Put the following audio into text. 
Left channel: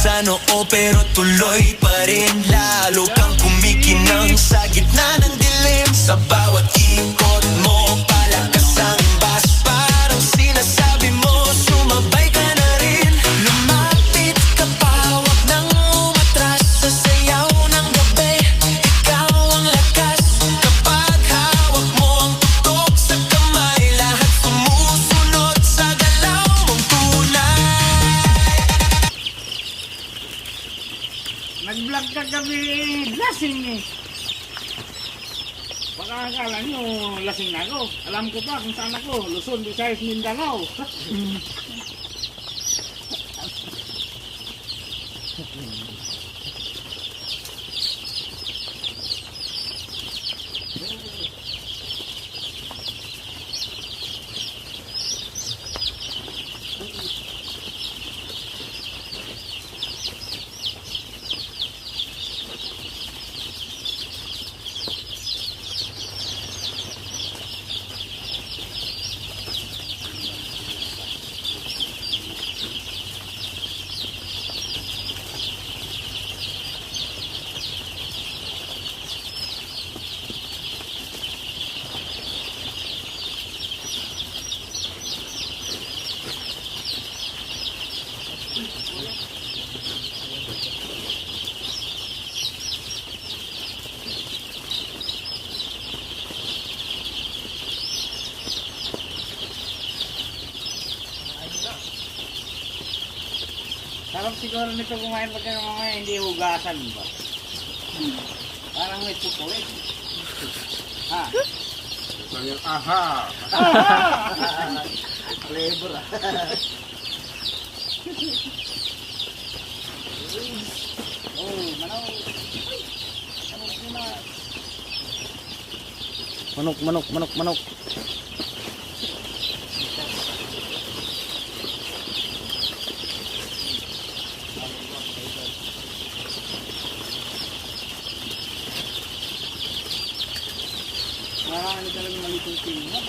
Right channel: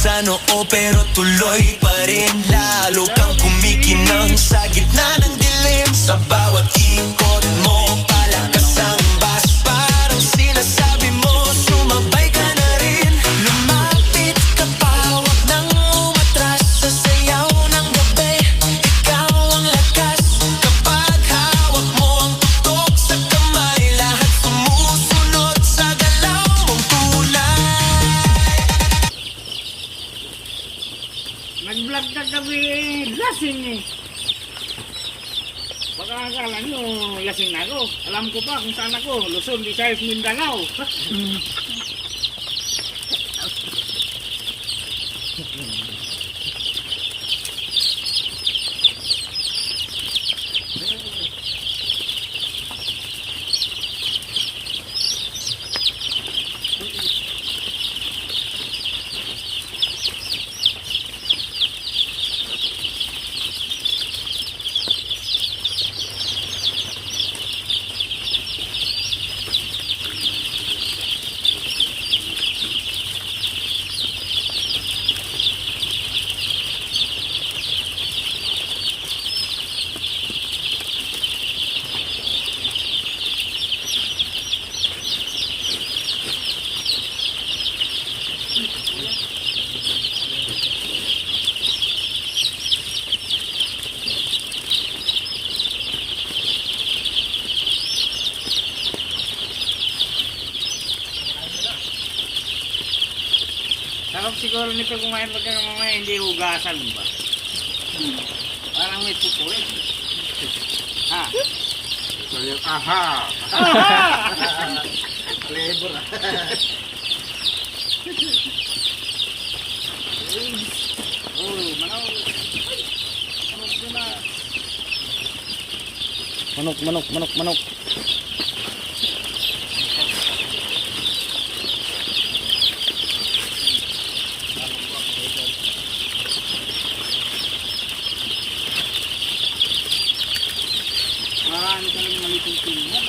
sa noo pero tuloy pa rin. Lalo kang kumikinang sa gitna ng dilim. Sa bawat ikot mo palakas ang bas. Parang sinasabi mo sumabay ka na rin. Lumapit ka pa, wag nang umatras. Sa sayaw ng gabi, ikaw ang lakas. Kapag hawak mo ang tutok sa kamay, lahat sumusunod sa galaw mong tunay. Nag-vlog ka kami, lasing eh. Baka akala nyo lasing na ako. Alam ko pa kung saan ako. Luzon, Visayas, Mindanao. Sarap siguro nito kumain pagka mamaya hindi hugasan ba? Parang may puto eh. Ha? So yung aha. Flavor ah. Oh, manaw. Manok na. Manok, manok, manok, manok. Marami talagang malitong pilingan.